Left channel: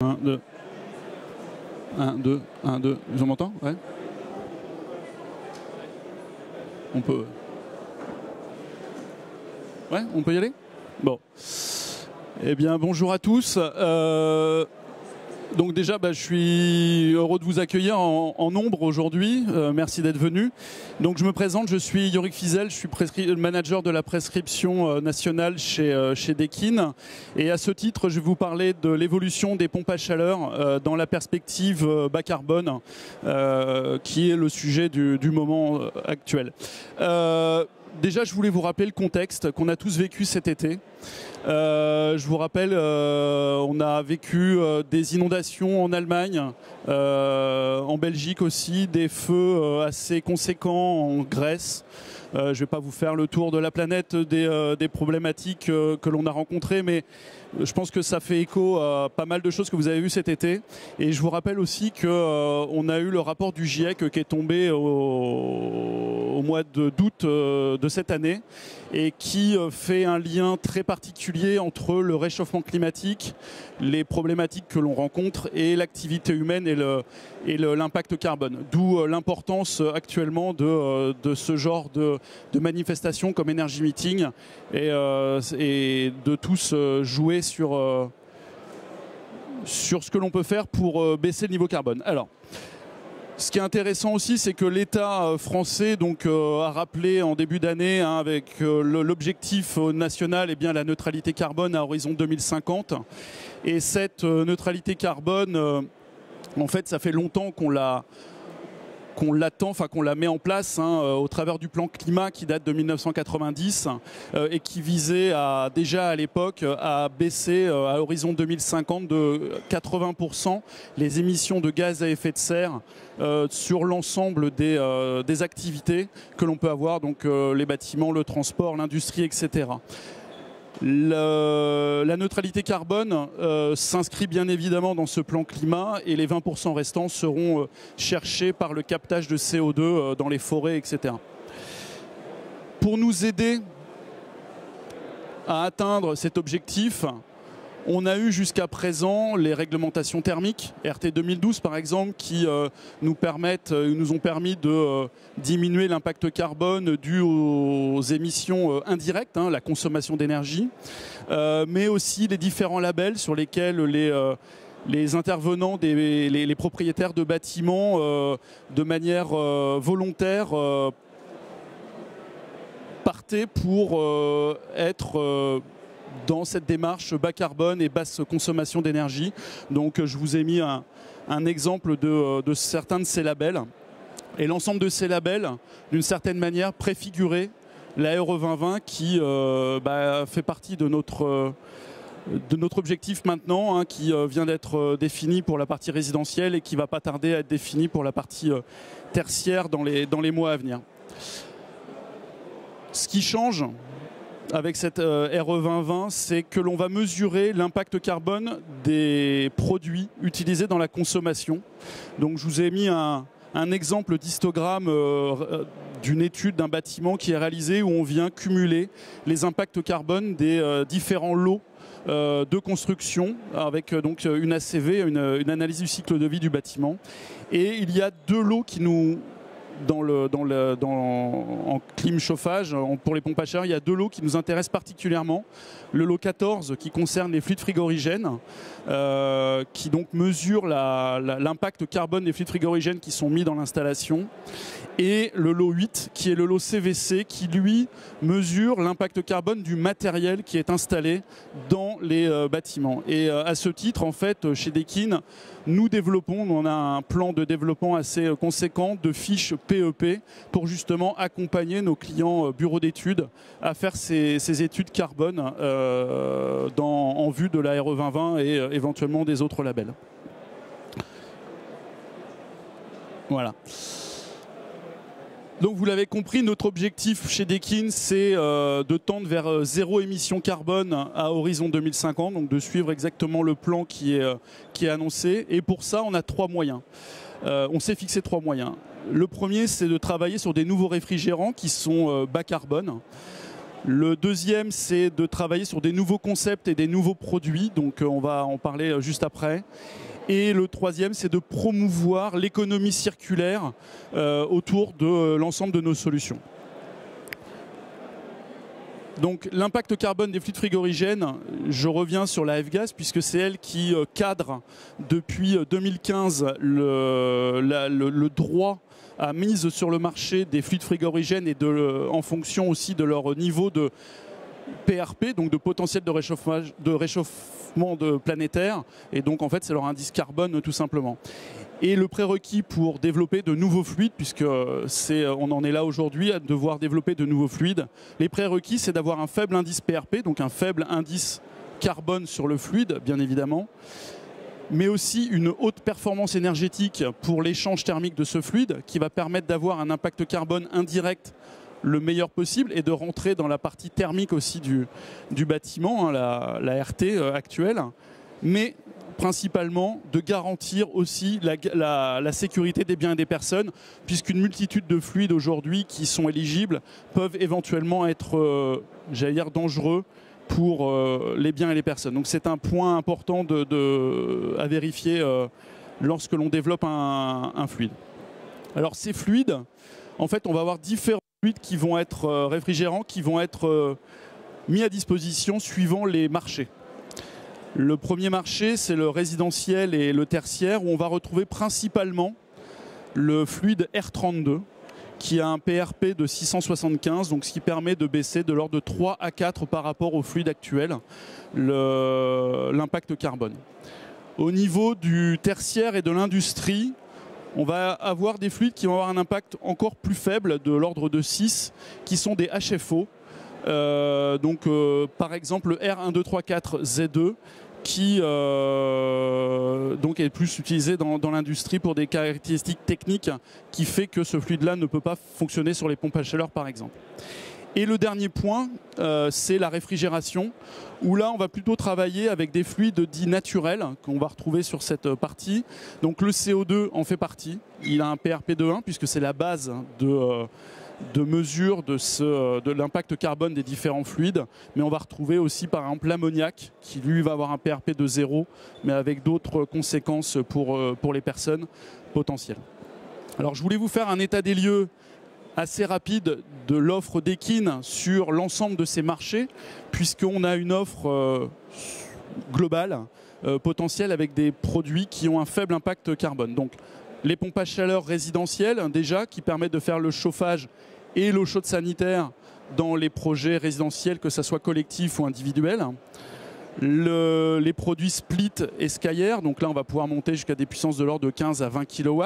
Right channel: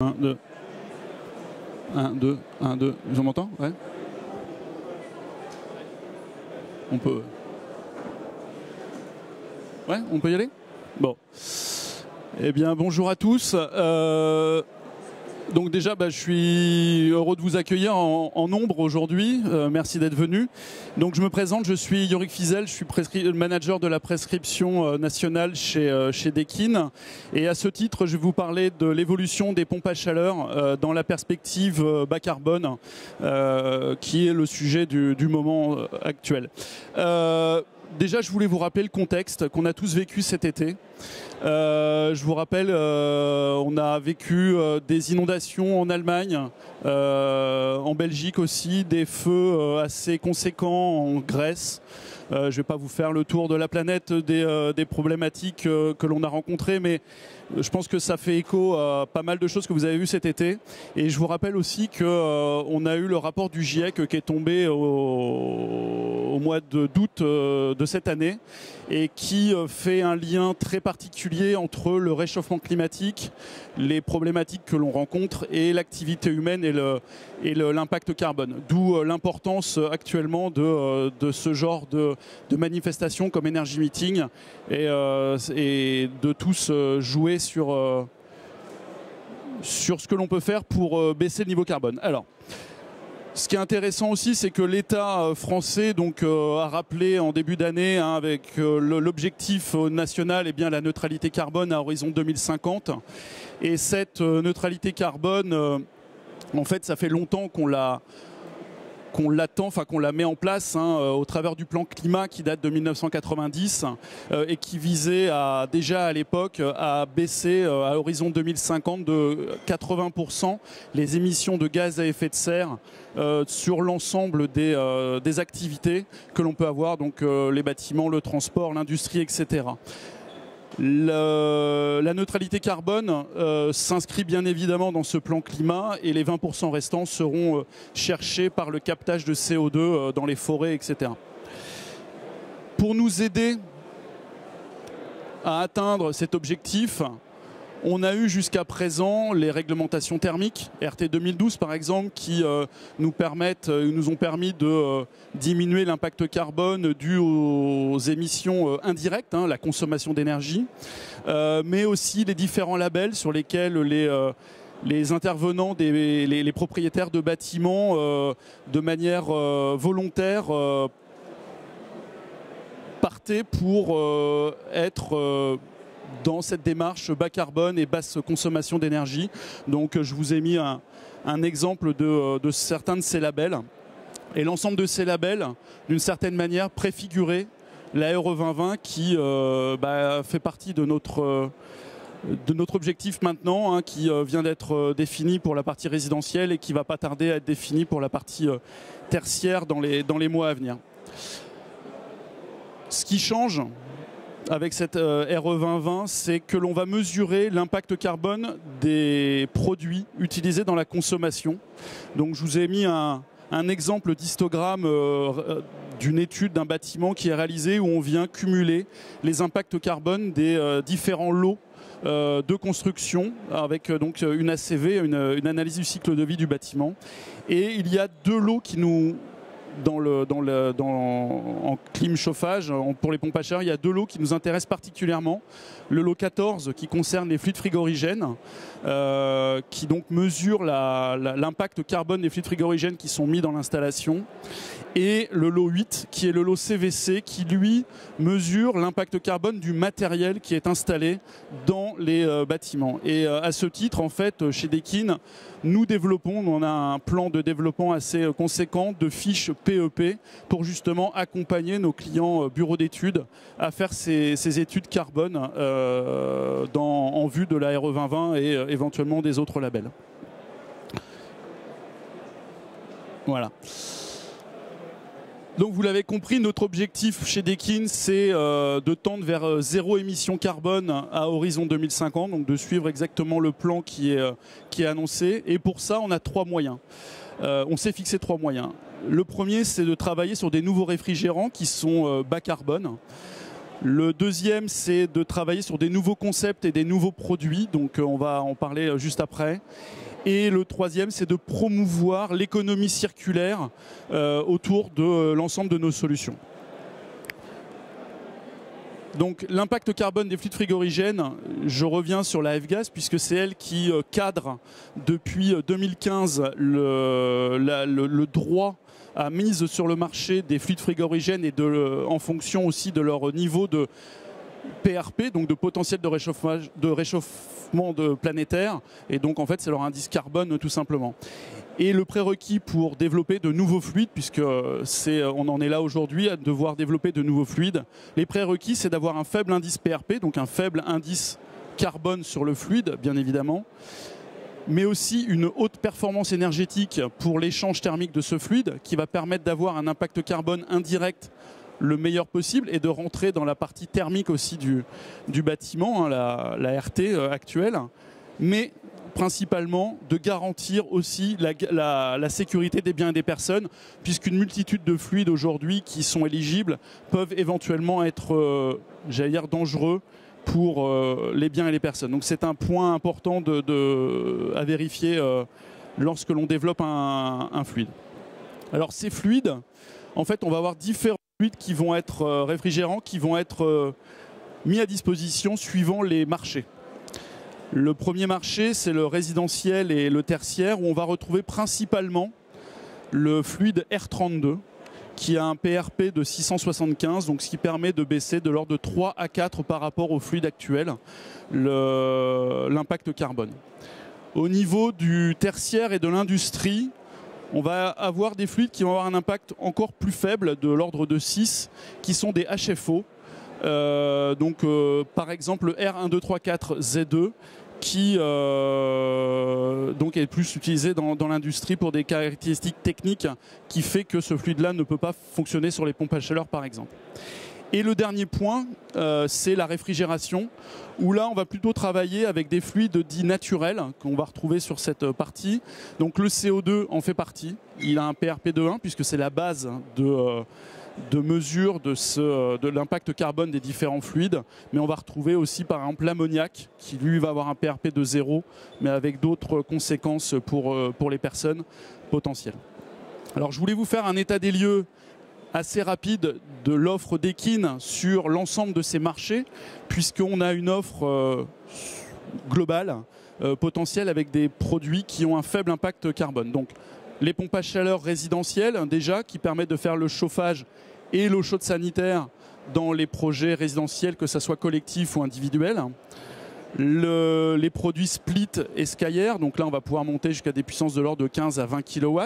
1, 2. 1, 2, 1, 2. Je m'entends? Ouais. On peut. Ouais, on peut y aller? Bon. Eh bien, bonjour à tous. Donc déjà, je suis heureux de vous accueillir en nombre aujourd'hui. Merci d'être venus. Donc je me présente, je suis Yorick Fizel, je suis manager de la prescription nationale chez Dekin. Et à ce titre, je vais vous parler de l'évolution des pompes à chaleur dans la perspective bas carbone, qui est le sujet du moment actuel. Déjà, je voulais vous rappeler le contexte qu'on a tous vécu cet été. Je vous rappelle, on a vécu des inondations en Allemagne, en Belgique aussi, des feux assez conséquents en Grèce. Je ne vais pas vous faire le tour de la planète des problématiques que l'on a rencontrées, mais je pense que ça fait écho à pas mal de choses que vous avez vues cet été. Et je vous rappelle aussi qu'on a eu le rapport du GIEC qui est tombé au mois d'août de cette année et qui fait un lien très particulier entre le réchauffement climatique, les problématiques que l'on rencontre et l'activité humaine et l'impact carbone. D'où l'importance actuellement de ce genre de manifestations comme Energy Meeting et de tous jouer sur ce que l'on peut faire pour baisser le niveau carbone. Alors, ce qui est intéressant aussi, c'est que l'État français a rappelé en début d'année, avec l'objectif national, la neutralité carbone à horizon 2050. Et cette neutralité carbone, en fait, ça fait longtemps qu'on l'attend, qu'on la met en place au travers du plan climat qui date de 1990 et qui visait déjà à l'époque à baisser à horizon 2050 de 80% les émissions de gaz à effet de serre sur l'ensemble des activités que l'on peut avoir, donc les bâtiments, le transport, l'industrie, etc. La neutralité carbone s'inscrit bien évidemment dans ce plan climat et les 20% restants seront cherchés par le captage de CO2 dans les forêts, etc. Pour nous aider à atteindre cet objectif, on a eu jusqu'à présent les réglementations thermiques, RT 2012 par exemple, qui nous ont permis de diminuer l'impact carbone dû aux émissions indirectes, la consommation d'énergie, mais aussi les différents labels sur lesquels les intervenants, les propriétaires de bâtiments, de manière volontaire, partaient pour être dans cette démarche bas carbone et basse consommation d'énergie. Donc je vous ai mis un exemple de certains de ces labels. Et l'ensemble de ces labels, d'une certaine manière, préfigurait la RE 2020 qui fait partie de notre objectif maintenant, qui vient d'être défini pour la partie résidentielle et qui ne va pas tarder à être défini pour la partie tertiaire dans les mois à venir. Ce qui change avec cette RE 2020, c'est que l'on va mesurer l'impact carbone des produits utilisés dans la consommation. Donc je vous ai mis un exemple d'histogramme d'une étude d'un bâtiment qui est réalisé où on vient cumuler les impacts carbone des différents lots de construction avec donc une ACV, une analyse du cycle de vie du bâtiment. Et il y a deux lots qui nous... en clim chauffage, pour les pompes à chaleur, il y a deux lots qui nous intéressent particulièrement. Le lot 14 qui concerne les fluides frigorigènes, qui donc mesure l'impact carbone des fluides frigorigènes qui sont mis dans l'installation. Et le lot 8 qui est le lot CVC qui lui mesure l'impact carbone du matériel qui est installé dans les bâtiments. Et à ce titre, en fait, chez Dekin, nous développons, on a un plan de développement assez conséquent de fiches PEP pour justement accompagner nos clients bureaux d'études à faire ces études carbone en vue de la RE 2020 et éventuellement des autres labels. Voilà. Donc vous l'avez compris, notre objectif chez Dekin, c'est de tendre vers zéro émission carbone à horizon 2050, donc de suivre exactement le plan qui est annoncé. Et pour ça, on a trois moyens. On s'est fixé trois moyens. Le premier, c'est de travailler sur des nouveaux réfrigérants qui sont bas carbone. Le deuxième, c'est de travailler sur des nouveaux concepts et des nouveaux produits, donc on va en parler juste après. Et le troisième, c'est de promouvoir l'économie circulaire autour de l'ensemble de nos solutions. Donc l'impact carbone des fluides frigorigènes, je reviens sur la F-Gas puisque c'est elle qui cadre depuis 2015 le droit à mise sur le marché des fluides frigorigènes et en fonction aussi de leur niveau de PRP, donc de potentiel de réchauffement planétaire, et donc en fait c'est leur indice carbone tout simplement. Et le prérequis pour développer de nouveaux fluides, puisque on en est là aujourd'hui à devoir développer de nouveaux fluides, les prérequis c'est d'avoir un faible indice PRP, donc un faible indice carbone sur le fluide bien évidemment, mais aussi une haute performance énergétique pour l'échange thermique de ce fluide qui va permettre d'avoir un impact carbone indirect le meilleur possible et de rentrer dans la partie thermique aussi du bâtiment, hein, la RT actuelle, mais principalement de garantir aussi la sécurité des biens et des personnes, puisqu'une multitude de fluides aujourd'hui qui sont éligibles peuvent éventuellement être, j'allais dire, dangereux pour les biens et les personnes. Donc c'est un point important à vérifier lorsque l'on développe un fluide. Alors ces fluides, en fait, on va avoir différents fluides qui vont être réfrigérants, qui vont être mis à disposition suivant les marchés. Le premier marché, c'est le résidentiel et le tertiaire, où on va retrouver principalement le fluide R32, qui a un PRP de 675, donc ce qui permet de baisser de l'ordre de 3 à 4 par rapport au fluide actuel, l'impact carbone. Au niveau du tertiaire et de l'industrie, on va avoir des fluides qui vont avoir un impact encore plus faible, de l'ordre de 6, qui sont des HFO. Par exemple le R1234Z2 qui donc est plus utilisé dans l'industrie pour des caractéristiques techniques qui fait que ce fluide-là ne peut pas fonctionner sur les pompes à chaleur par exemple. Et le dernier point, c'est la réfrigération, où là on va plutôt travailler avec des fluides dits naturels qu'on va retrouver sur cette partie. Donc le CO2 en fait partie, il a un PRP de 1 puisque c'est la base de mesure de l'impact carbone des différents fluides, mais on va retrouver aussi par exemple l'ammoniac qui lui va avoir un PRP de 0, mais avec d'autres conséquences pour les personnes potentielles. Alors je voulais vous faire un état des lieux assez rapide de l'offre d'Ekin sur l'ensemble de ces marchés, puisqu'on a une offre globale, potentielle, avec des produits qui ont un faible impact carbone. Donc les pompes à chaleur résidentielles déjà, qui permettent de faire le chauffage et l'eau chaude sanitaire dans les projets résidentiels, que ce soit collectif ou individuel. Les produits split et Skyr, donc là on va pouvoir monter jusqu'à des puissances de l'ordre de 15 à 20 kW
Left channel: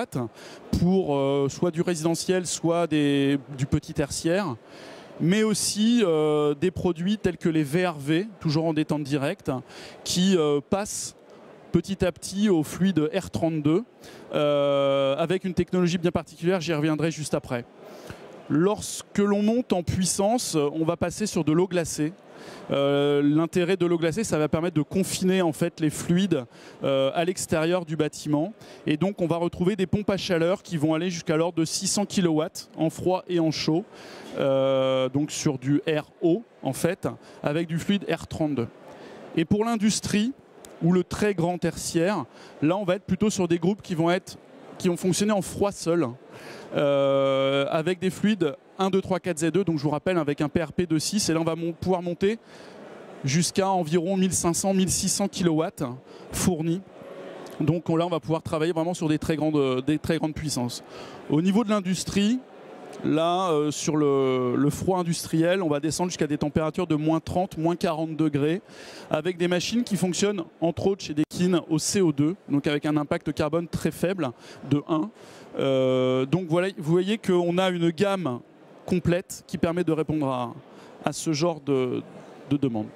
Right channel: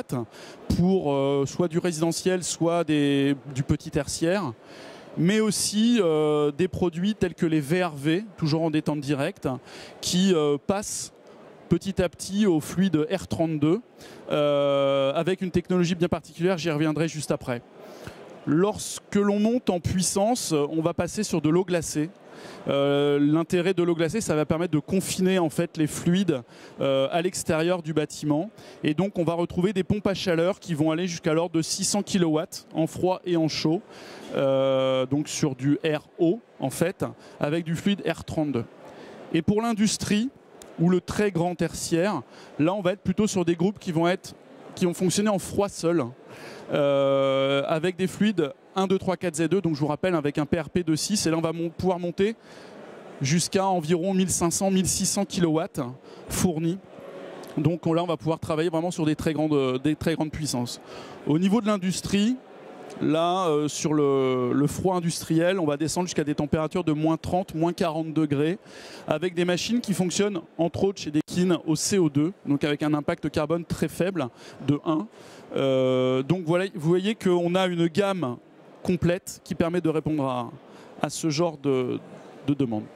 pour soit du résidentiel, soit du petit tertiaire, mais aussi des produits tels que les VRV, toujours en détente directe, qui passent petit à petit au fluide R32 avec une technologie bien particulière, j'y reviendrai juste après. Lorsque l'on monte en puissance, on va passer sur de l'eau glacée. L'intérêt de l'eau glacée, ça va permettre de confiner en fait les fluides à l'extérieur du bâtiment, et donc on va retrouver des pompes à chaleur qui vont aller jusqu'à l'ordre de 600 kW en froid et en chaud, donc sur du RO en fait, avec du fluide R32. Et pour l'industrie ou le très grand tertiaire, là on va être plutôt sur des groupes qui vont fonctionner en froid seul. Avec des fluides 1, 2, 3, 4, Z2, donc je vous rappelle avec un PRP de 6, et là on va pouvoir monter jusqu'à environ 1500-1600 kW fournis. Donc là on va pouvoir travailler vraiment sur des très grandes puissances. Au niveau de l'industrie, là sur le froid industriel, on va descendre jusqu'à des températures de moins 30, moins 40 degrés, avec des machines qui fonctionnent entre autres chez Ekin au CO2, donc avec un impact carbone très faible de 1. Donc voilà, vous voyez qu'on a une gamme complète qui permet de répondre à ce genre de demande.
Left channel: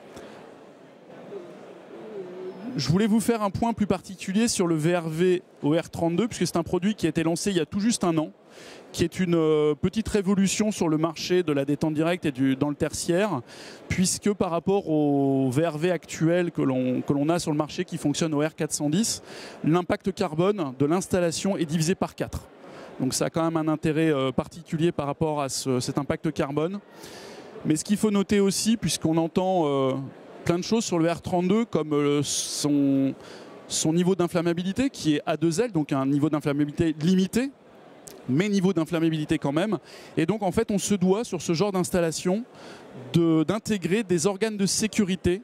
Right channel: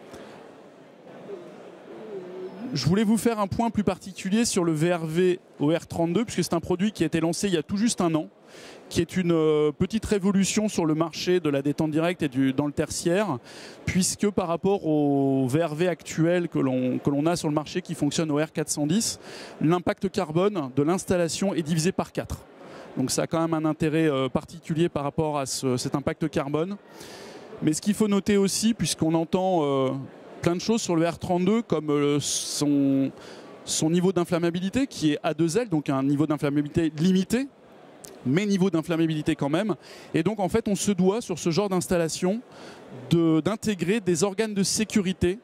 Je voulais vous faire un point plus particulier sur le VRV au R32, puisque c'est un produit qui a été lancé il y a tout juste un an, qui est une petite révolution sur le marché de la détente directe et dans le tertiaire, puisque par rapport au VRV actuel que l'on a sur le marché qui fonctionne au R410, l'impact carbone de l'installation est divisé par 4. Donc ça a quand même un intérêt particulier par rapport à cet impact carbone. Mais ce qu'il faut noter aussi, puisqu'on entend plein de choses sur le R32, comme son niveau d'inflammabilité qui est A2L, donc un niveau d'inflammabilité limité, mais niveau d'inflammabilité quand même. Et donc en fait on se doit sur ce genre d'installation d'intégrer des organes de sécurité,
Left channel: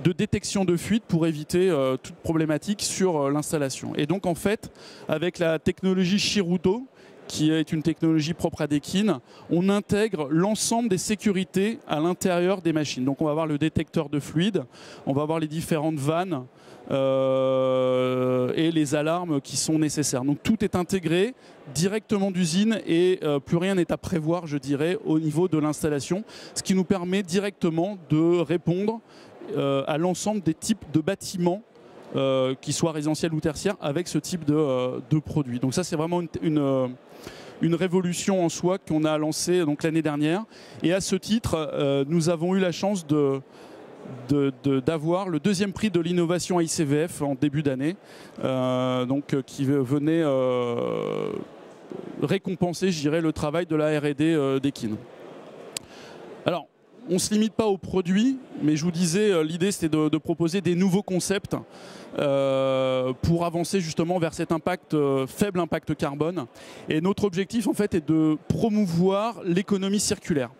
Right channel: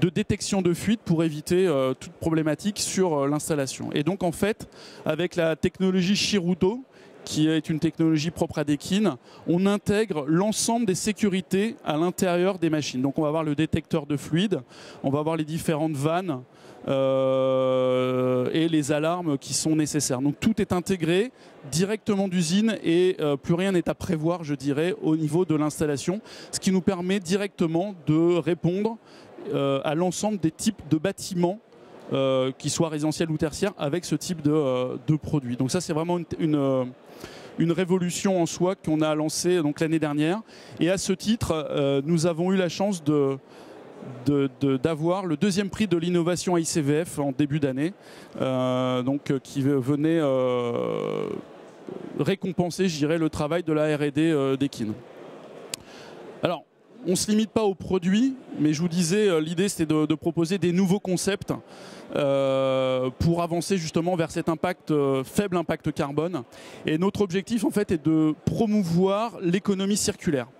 de détection de fuite pour éviter toute problématique sur l'installation. Et donc en fait avec la technologie Shiruto, qui est une technologie propre à Deakin, on intègre l'ensemble des sécurités à l'intérieur des machines. Donc on va avoir le détecteur de fluide, on va avoir les différentes vannes et les alarmes qui sont nécessaires. Donc tout est intégré directement d'usine et plus rien n'est à prévoir, je dirais, au niveau de l'installation, ce qui nous permet directement de répondre à l'ensemble des types de bâtiments, qu'ils soient résidentiels ou tertiaires, avec ce type de produit. Donc ça c'est vraiment une révolution en soi qu'on a lancée l'année dernière. Et à ce titre, nous avons eu la chance d'avoir le deuxième prix de l'innovation ICVF en début d'année, qui venait récompenser, je dirais, le travail de la R&D d'Ekin. Alors, on ne se limite pas aux produits, mais je vous disais, l'idée c'était de proposer des nouveaux concepts pour avancer justement vers cet impact, faible impact carbone. Et notre objectif en fait est de promouvoir l'économie circulaire.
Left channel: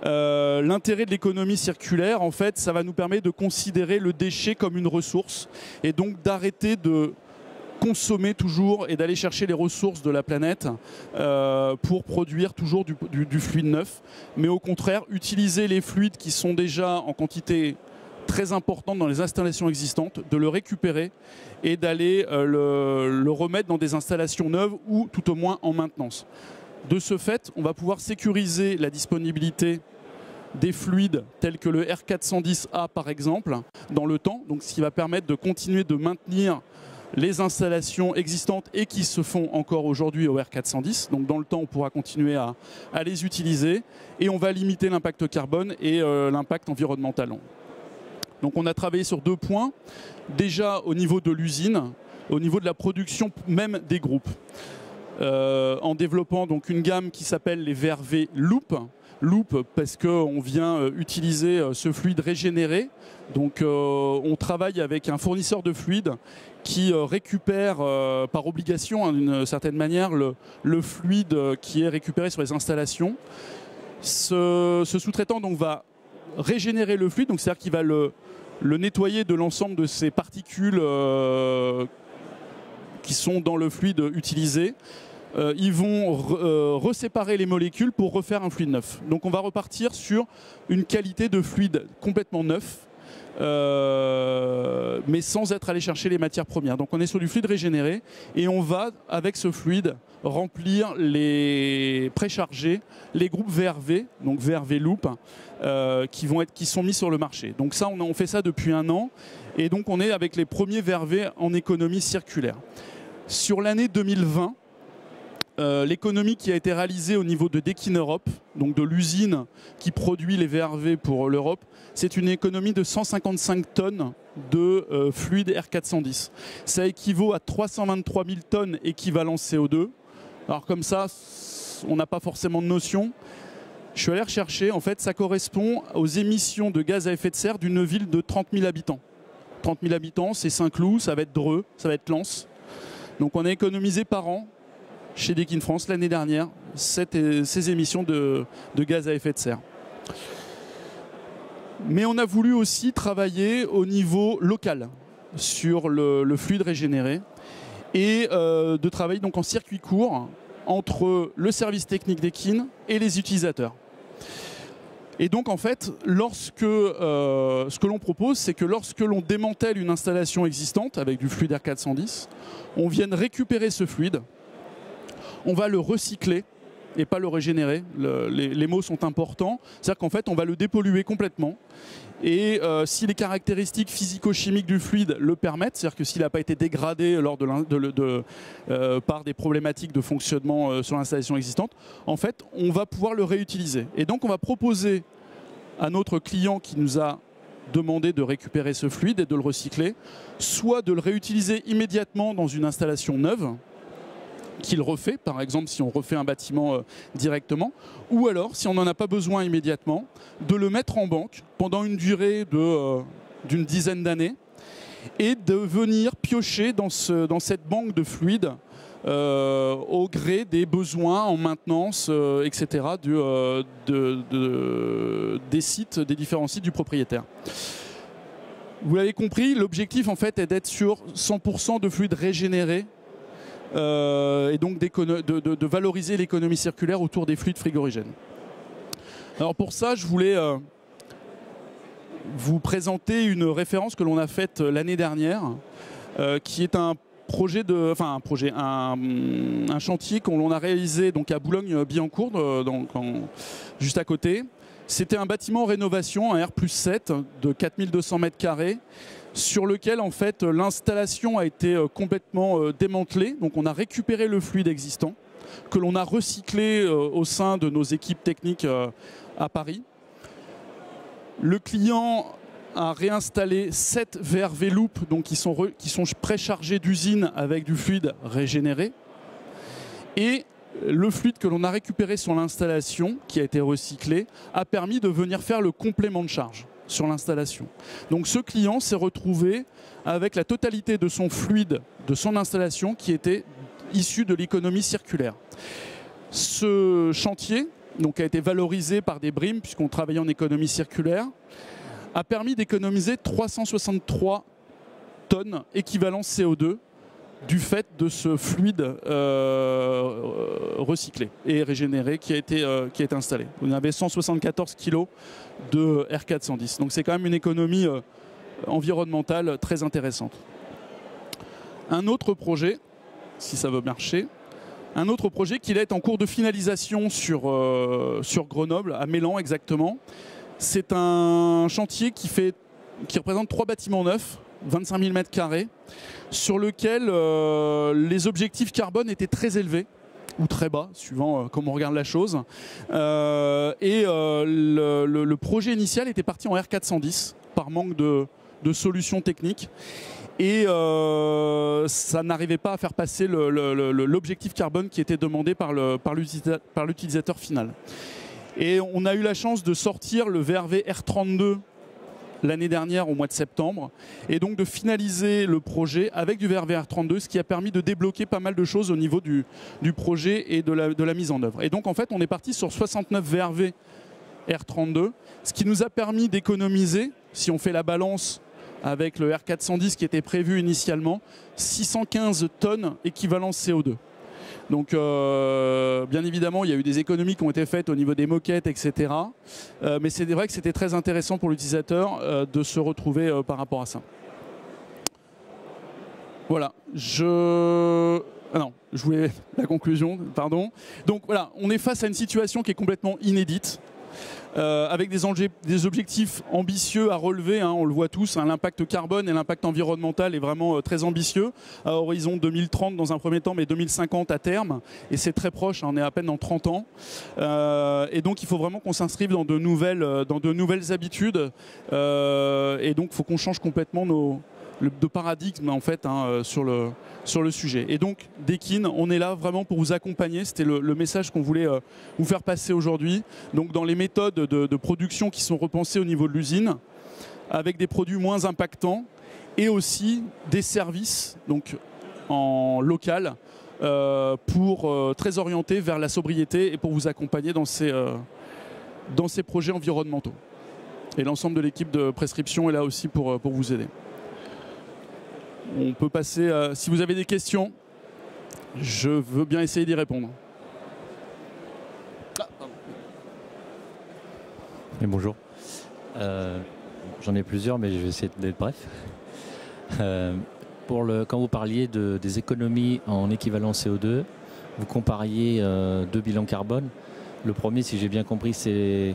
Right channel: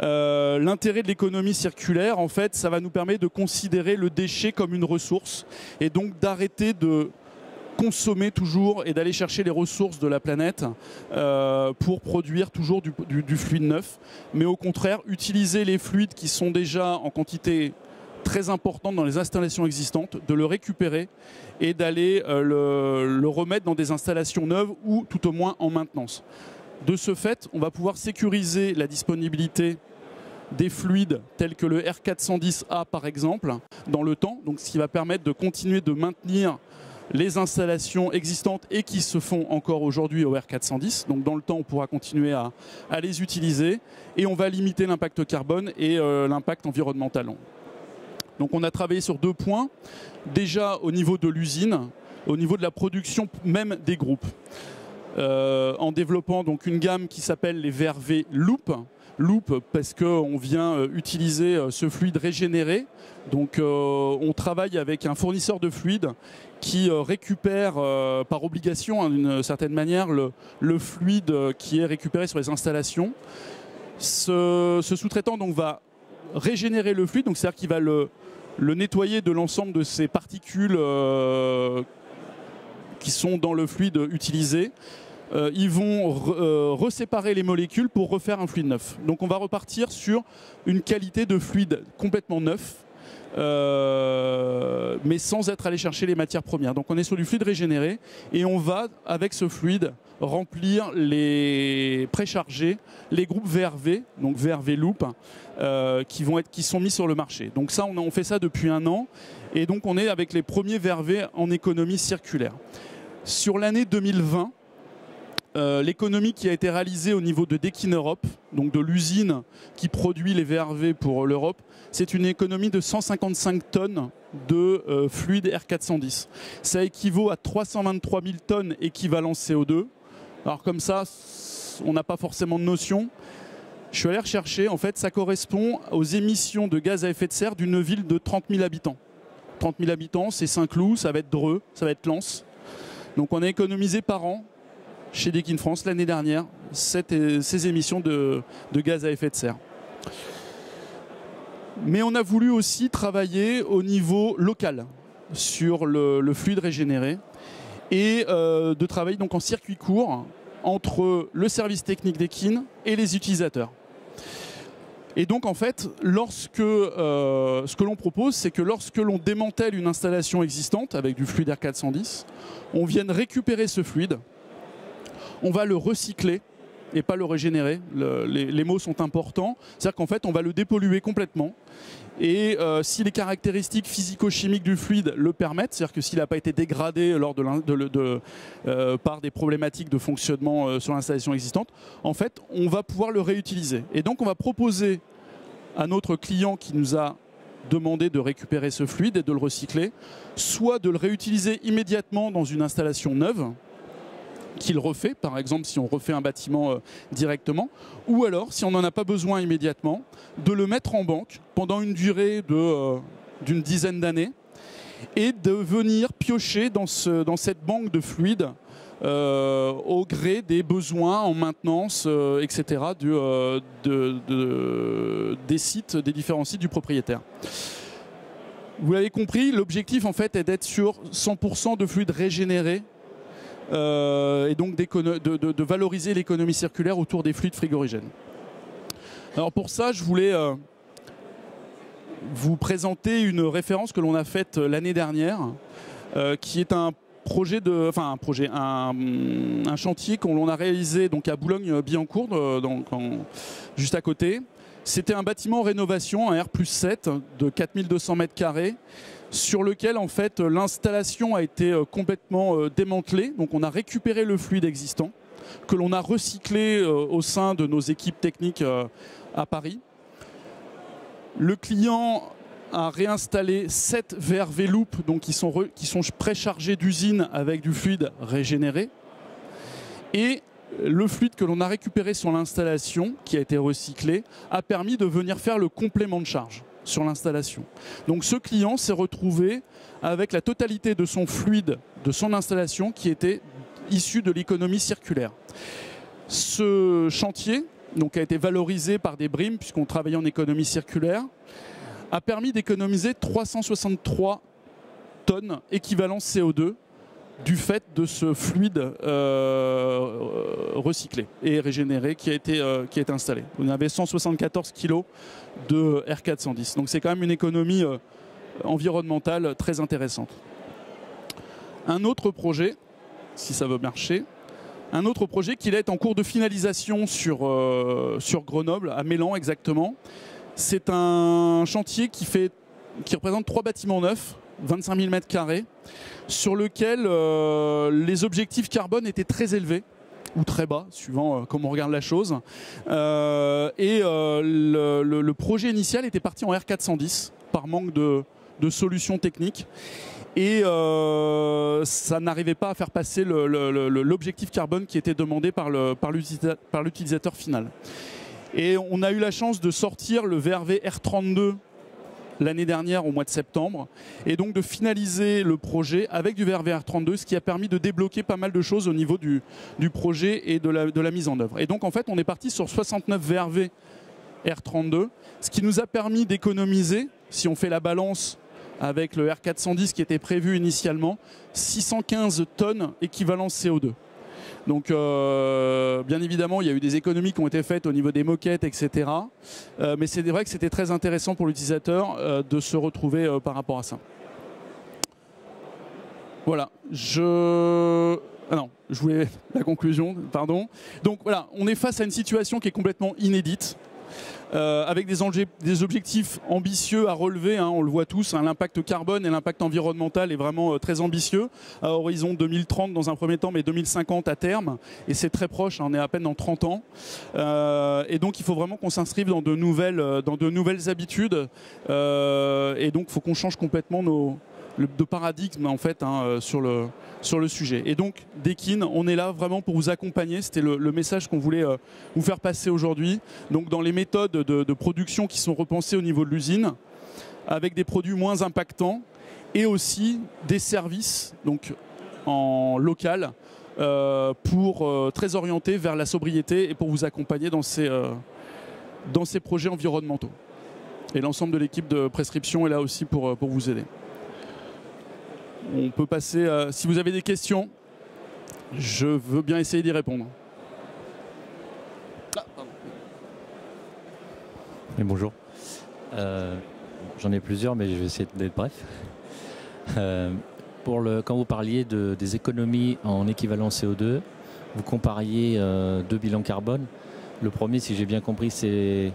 L'intérêt de l'économie circulaire, en fait, ça va nous permettre de considérer le déchet comme une ressource et donc d'arrêter de consommer toujours et d'aller chercher les ressources de la planète pour produire toujours du fluide neuf, mais au contraire utiliser les fluides qui sont déjà en quantité très importante dans les installations existantes, de le récupérer et d'aller le remettre dans des installations neuves ou tout au moins en maintenance. De ce fait, on va pouvoir sécuriser la disponibilité des fluides tels que le R410A par exemple dans le temps, donc ce qui va permettre de continuer de maintenir les installations existantes et qui se font encore aujourd'hui au R410. Donc dans le temps, on pourra continuer à les utiliser et on va limiter l'impact carbone et l'impact environnemental. Donc on a travaillé sur 2 points. Déjà au niveau de l'usine, au niveau de la production même des groupes. En développant donc une gamme qui s'appelle les VRV Loop. Loop parce qu'on vient utiliser ce fluide régénéré. Donc on travaille avec un fournisseur de fluide qui récupère par obligation d'une certaine manière le fluide qui est récupéré sur les installations. Ce sous-traitant donc va régénérer le fluide, c'est-à-dire qu'il va le nettoyer de l'ensemble de ces particules qui sont dans le fluide utilisé. Ils vont reséparer les molécules pour refaire un fluide neuf. Donc on va repartir sur une qualité de fluide complètement neuf, mais sans être allé chercher les matières premières. Donc on est sur du fluide régénéré et on va, avec ce fluide, remplir les précharger les groupes VRV, donc VRV Loop, qui sont mis sur le marché. Donc ça, on fait ça depuis 1 an et donc on est avec les premiers VRV en économie circulaire. Sur l'année 2020, l'économie qui a été réalisée au niveau de Deakin Europe, donc de l'usine qui produit les VRV pour l'Europe, c'est une économie de 155 tonnes de fluide R410. Ça équivaut à 323 000 tonnes équivalent CO2. Alors comme ça, on n'a pas forcément de notion. Je suis allé rechercher, en fait, ça correspond aux émissions de gaz à effet de serre d'une ville de 30 000 habitants. 30 000 habitants, c'est Saint-Cloud, ça va être Dreux, ça va être Lens. Donc on a économisé par an, chez Deakin France, l'année dernière, ces émissions de gaz à effet de serre. Mais on a voulu aussi travailler au niveau local sur le fluide régénéré et de travailler donc en circuit court entre le service technique Deakin et les utilisateurs. Et donc en fait, ce que l'on propose, c'est que lorsque l'on démantèle une installation existante avec du fluide R410, on vienne récupérer ce fluide, on va le recycler et pas le régénérer. Les mots sont importants. C'est-à-dire qu'en fait, on va le dépolluer complètement. Et si les caractéristiques physico-chimiques du fluide le permettent, c'est-à-dire que s'il n'a pas été dégradé par des problématiques de fonctionnement sur l'installation existante, en fait, on va pouvoir le réutiliser. Et donc, on va proposer à notre client qui nous a demandé de récupérer ce fluide et de le recycler, soit de le réutiliser immédiatement dans une installation neuve, qu'il refait, par exemple si on refait un bâtiment directement, ou alors, si on n'en a pas besoin immédiatement, de le mettre en banque pendant une durée d'une dizaine d'années et de venir piocher dans cette banque de fluide au gré des besoins en maintenance, etc. Des sites, des différents sites du propriétaire. Vous l'avez compris, l'objectif en fait est d'être sur 100% de fluide régénéré et donc de valoriser l'économie circulaire autour des fluides frigorigènes. Alors pour ça, je voulais vous présenter une référence que l'on a faite l'année dernière, qui est un chantier qu'on a réalisé donc à Boulogne-Billancourt, juste à côté. C'était un bâtiment en rénovation, un R+7 de 4200 m², sur lequel en fait l'installation a été complètement démantelée. Donc on a récupéré le fluide existant, que l'on a recyclé au sein de nos équipes techniques à Paris. Le client a réinstallé 7 VRV Loop, donc qui sont préchargés d'usine avec du fluide régénéré. Et le fluide que l'on a récupéré sur l'installation, qui a été recyclé, a permis de venir faire le complément de charge sur l'installation. Donc ce client s'est retrouvé avec la totalité de son fluide de son installation qui était issu de l'économie circulaire. Ce chantier donc, a été valorisé par des BRIM, puisqu'on travaillait en économie circulaire, a permis d'économiser 363 tonnes équivalent CO2 du fait de ce fluide recyclé et régénéré qui a été installé. On avait 174 kg de R410. Donc c'est quand même une économie environnementale très intéressante. Un autre projet, si ça veut marcher, un autre projet qui est en cours de finalisation sur Grenoble, à Mélan exactement. C'est un chantier qui représente 3 bâtiments neufs, 25 000 m², sur lequel les objectifs carbone étaient très élevés, ou très bas, suivant comment on regarde la chose. Le projet initial était parti en R410, par manque de solutions techniques. Et ça n'arrivait pas à faire passer l'objectif carbone qui était demandé par l'utilisateur final. Et on a eu la chance de sortir le VRV R32 l'année dernière au mois de septembre, et donc de finaliser le projet avec du VRV R32, ce qui a permis de débloquer pas mal de choses au niveau du projet et de la mise en œuvre. Et donc en fait on est parti sur 69 VRV R32, ce qui nous a permis d'économiser, si on fait la balance avec le R410 qui était prévu initialement, 615 tonnes équivalent CO2. Donc bien évidemment il y a eu des économies qui ont été faites au niveau des moquettes, etc. Mais c'est vrai que c'était très intéressant pour l'utilisateur de se retrouver par rapport à ça. Voilà, je voulais la conclusion, pardon. Donc voilà, on est face à une situation qui est complètement inédite. Avec des objectifs ambitieux à relever, hein, on le voit tous, hein, l'impact carbone et l'impact environnemental est vraiment très ambitieux, à horizon 2030 dans un premier temps, mais 2050 à terme, et c'est très proche, hein, on est à peine en 30 ans, et donc il faut vraiment qu'on s'inscrive dans de nouvelles habitudes, et donc il faut qu'on change complètement de paradigme en fait, hein, sur le sujet. Et donc Dekin, on est là vraiment pour vous accompagner, c'était le message qu'on voulait vous faire passer aujourd'hui. Donc dans les méthodes de production qui sont repensées au niveau de l'usine, avec des produits moins impactants, et aussi des services donc en local très orientés vers la sobriété et pour vous accompagner dans ces projets environnementaux. Et l'ensemble de l'équipe de prescription est là aussi pour vous aider. On peut passer, si vous avez des questions, je veux bien essayer d'y répondre. Oui, bonjour. J'en ai plusieurs, mais je vais essayer d'être bref. Quand vous parliez des économies en équivalent CO2, vous compariez deux bilans carbone. Le premier, si j'ai bien compris, c'est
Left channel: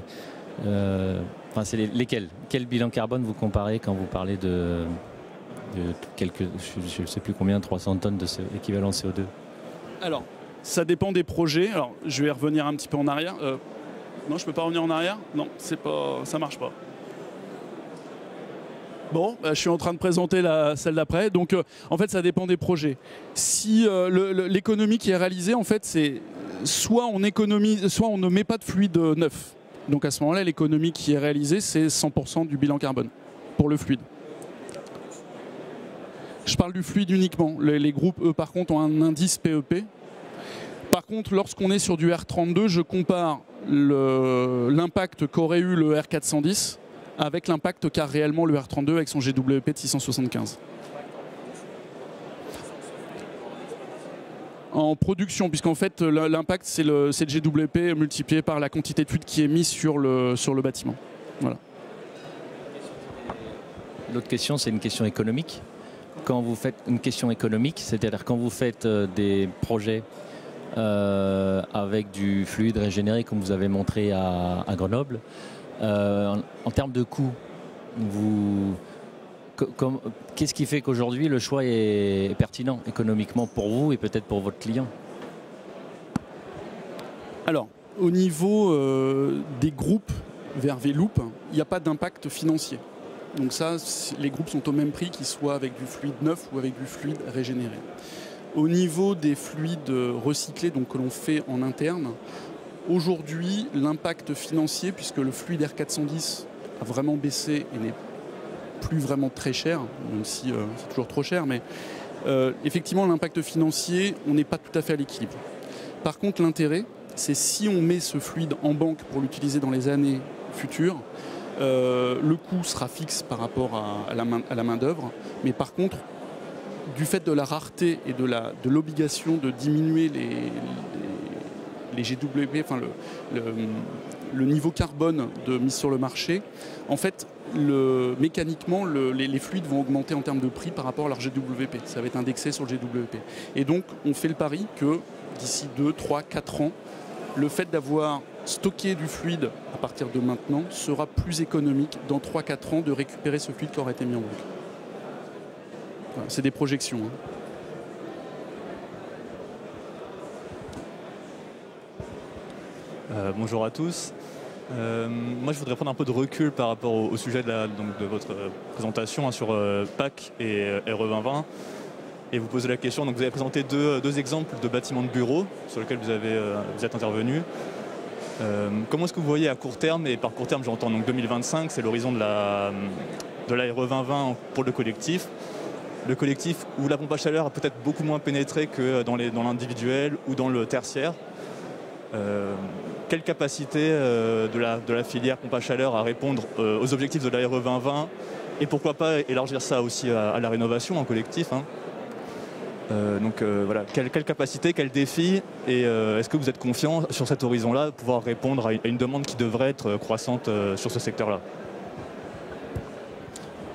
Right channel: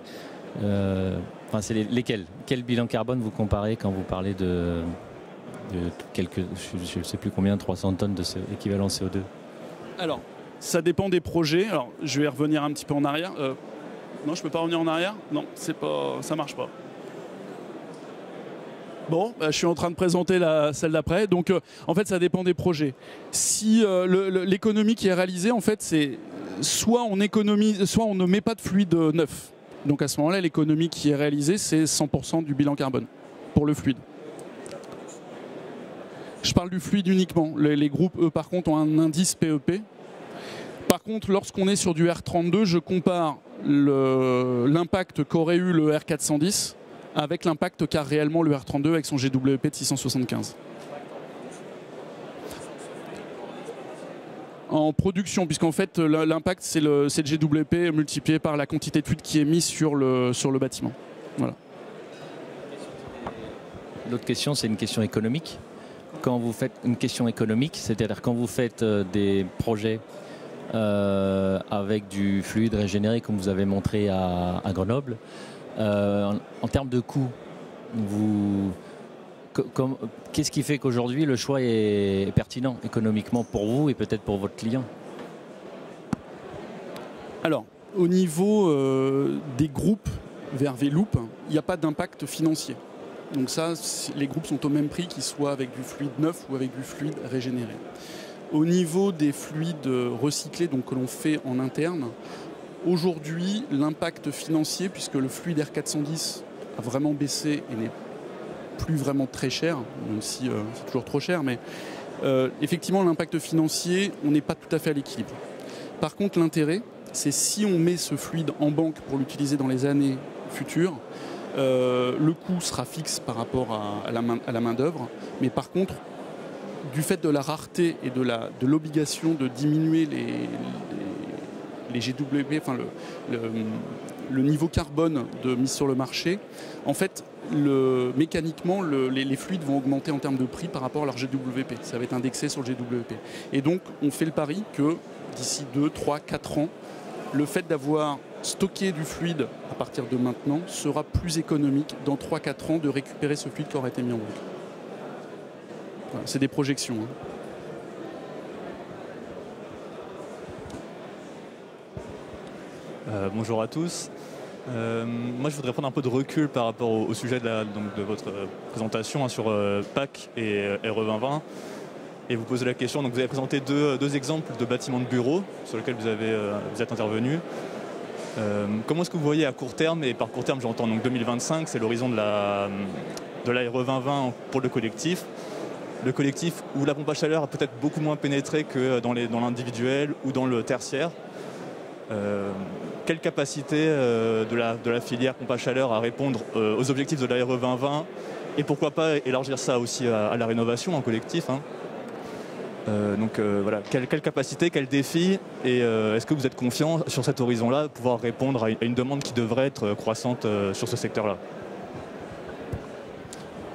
lesquels? Quel bilan carbone vous comparez quand vous parlez de je ne sais plus combien, 300 tonnes d'équivalent CO2? Alors, ça dépend des projets. Alors, je vais revenir un petit peu en arrière. Non, je peux pas revenir en arrière? Non, ça marche pas. Bon, bah, je suis en train de présenter celle d'après. Donc, en fait, ça dépend des projets. Si l'économie qui est réalisée, en fait, c'est soit on économise, soit on ne met pas de fluide neuf. Donc, à ce moment-là, l'économie qui est réalisée, c'est 100% du bilan carbone pour le fluide. Je parle du fluide uniquement. Les groupes, eux, par contre, ont un indice PEP. Par contre, lorsqu'on est sur du R32, je compare l'impact qu'aurait eu le R410 avec l'impact qu'a réellement le R32 avec son GWP de 675. En production, puisqu'en fait l'impact c'est le GWP multiplié par la quantité de fluide qui est mise sur le bâtiment. Voilà. L'autre question, c'est une question économique. Quand vous faites une question économique, c'est-à-dire quand vous faites des projets avec du fluide régénéré comme vous avez montré à Grenoble, en termes de coût, qu'est-ce qui fait qu'aujourd'hui le choix est pertinent économiquement pour vous et peut-être pour votre client? Alors, au niveau des groupes vers V-Loop, il n'y a pas d'impact financier. Donc ça, les groupes sont au même prix qu'ils soient avec du fluide neuf ou avec du fluide régénéré. Au niveau des fluides recyclés, donc que l'on fait en interne, aujourd'hui, l'impact financier, puisque le fluide R410 a vraiment baissé et n'est plus vraiment très cher, même si c'est toujours trop cher, mais effectivement, l'impact financier, on n'est pas tout à fait à l'équilibre. Par contre, l'intérêt, c'est si on met ce fluide en banque pour l'utiliser dans les années futures, le coût sera fixe par rapport à la main-d'œuvre, mais par contre, du fait de la rareté et de l'obligation de diminuer les GWP, enfin le niveau carbone de mise sur le marché, en fait, mécaniquement, les fluides vont augmenter en termes de prix par rapport à leur GWP. Ça va être indexé sur le GWP. Et donc, on fait le pari que d'ici 2, 3, 4 ans, le fait d'avoir stocké du fluide à partir de maintenant sera plus économique dans 3-4 ans de récupérer ce fluide qui aurait été mis en banque. Voilà, c'est des projections. Bonjour à tous. Moi, je voudrais prendre un peu de recul par rapport au sujet de votre présentation sur PAC et RE2020 et vous poser la question. Donc, vous avez présenté deux exemples de bâtiments de bureaux sur lesquels vous êtes intervenu. Comment est-ce que vous voyez à court terme, et par court terme j'entends donc 2025, c'est l'horizon de la RE2020 pour le collectif où la pompe à chaleur a peut-être beaucoup moins pénétré que dans l'individuel ou dans le tertiaire. Quelle capacité de la filière pompe à chaleur à répondre aux objectifs de la RE 2020 et pourquoi pas élargir ça aussi à la rénovation en collectif, hein. Voilà, quelle capacité, quel défi, et est-ce que vous êtes confiant sur cet horizon-là de pouvoir répondre à une demande qui devrait être croissante sur ce secteur-là?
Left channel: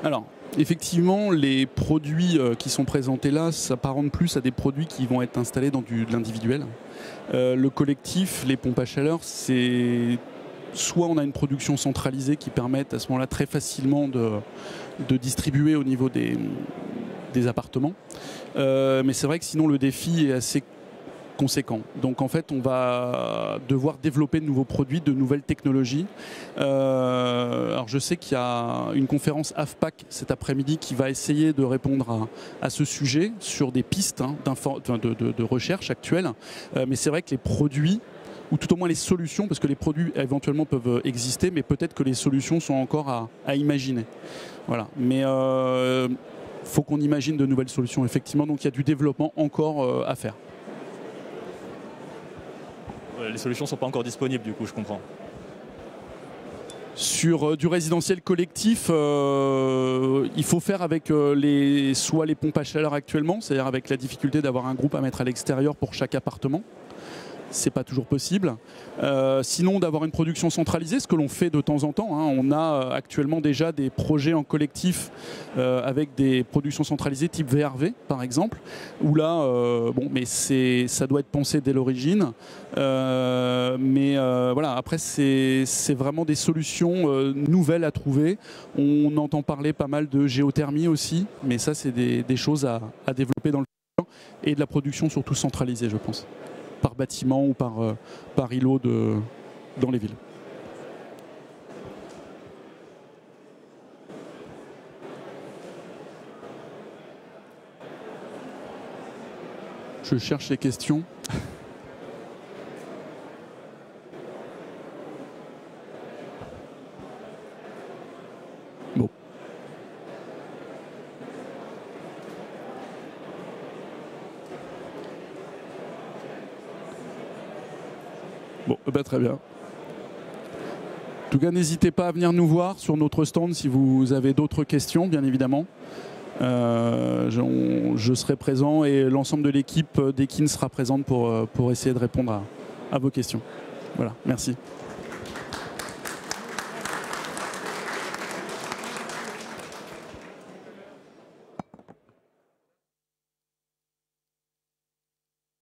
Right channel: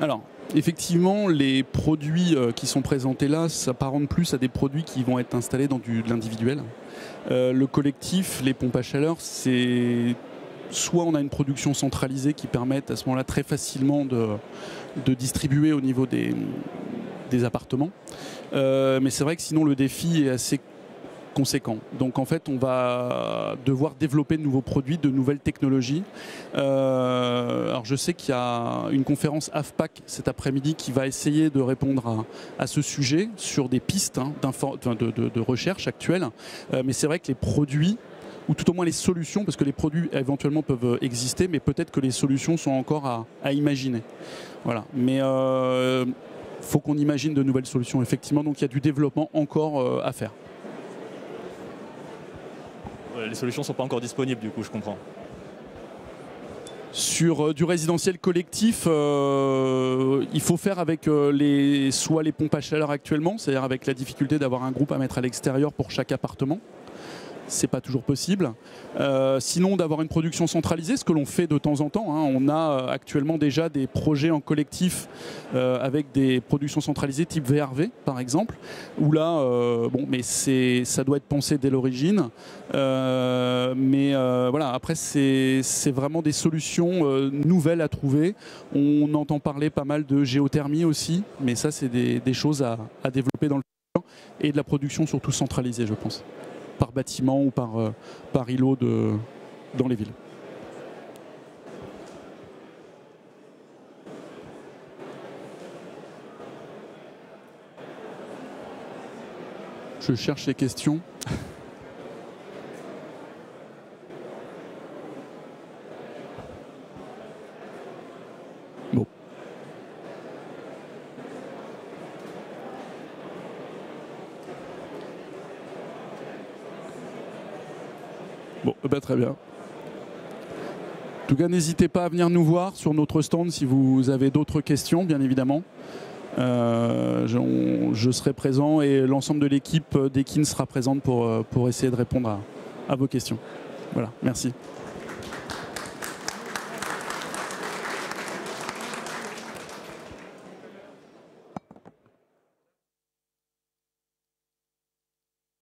Alors, effectivement, les produits qui sont présentés là s'apparentent plus à des produits qui vont être installés dans de l'individuel. Le collectif, les pompes à chaleur, c'est soit on a une production centralisée qui permet à ce moment-là très facilement de distribuer au niveau des appartements. Mais c'est vrai que sinon le défi est assez conséquent. Donc en fait on va devoir développer de nouveaux produits, de nouvelles technologies. Alors je sais qu'il y a une conférence AFPAC cet après-midi qui va essayer de répondre à ce sujet sur des pistes de recherche actuelles. Mais c'est vrai que les produits, ou tout au moins les solutions, parce que les produits éventuellement peuvent exister, mais peut-être que les solutions sont encore à imaginer. Voilà. Mais faut qu'on imagine de nouvelles solutions, effectivement, donc il y a du développement encore à faire. Les solutions ne sont pas encore disponibles, du coup, je comprends. Sur du résidentiel collectif, il faut faire avec soit les pompes à chaleur actuellement, c'est-à-dire avec la difficulté d'avoir un groupe à mettre à l'extérieur pour chaque appartement. C'est pas toujours possible. Sinon, d'avoir une production centralisée, ce que l'on fait de temps en temps, hein. On a actuellement déjà des projets en collectif avec des productions centralisées type VRV, par exemple, où là, mais ça doit être pensé dès l'origine. Voilà, après, c'est vraiment des solutions nouvelles à trouver. On entend parler pas mal de géothermie aussi, mais ça, c'est des choses à développer dans le futur, et de la production surtout centralisée, je pense, par bâtiment ou par îlot dans les villes. Je cherche les questions. Bon. Bon, très bien. En tout cas, n'hésitez pas à venir nous voir sur notre stand si vous avez d'autres questions, bien évidemment. Je serai présent et l'ensemble de l'équipe d'Ekin sera présente pour essayer de répondre à vos questions. Voilà, merci.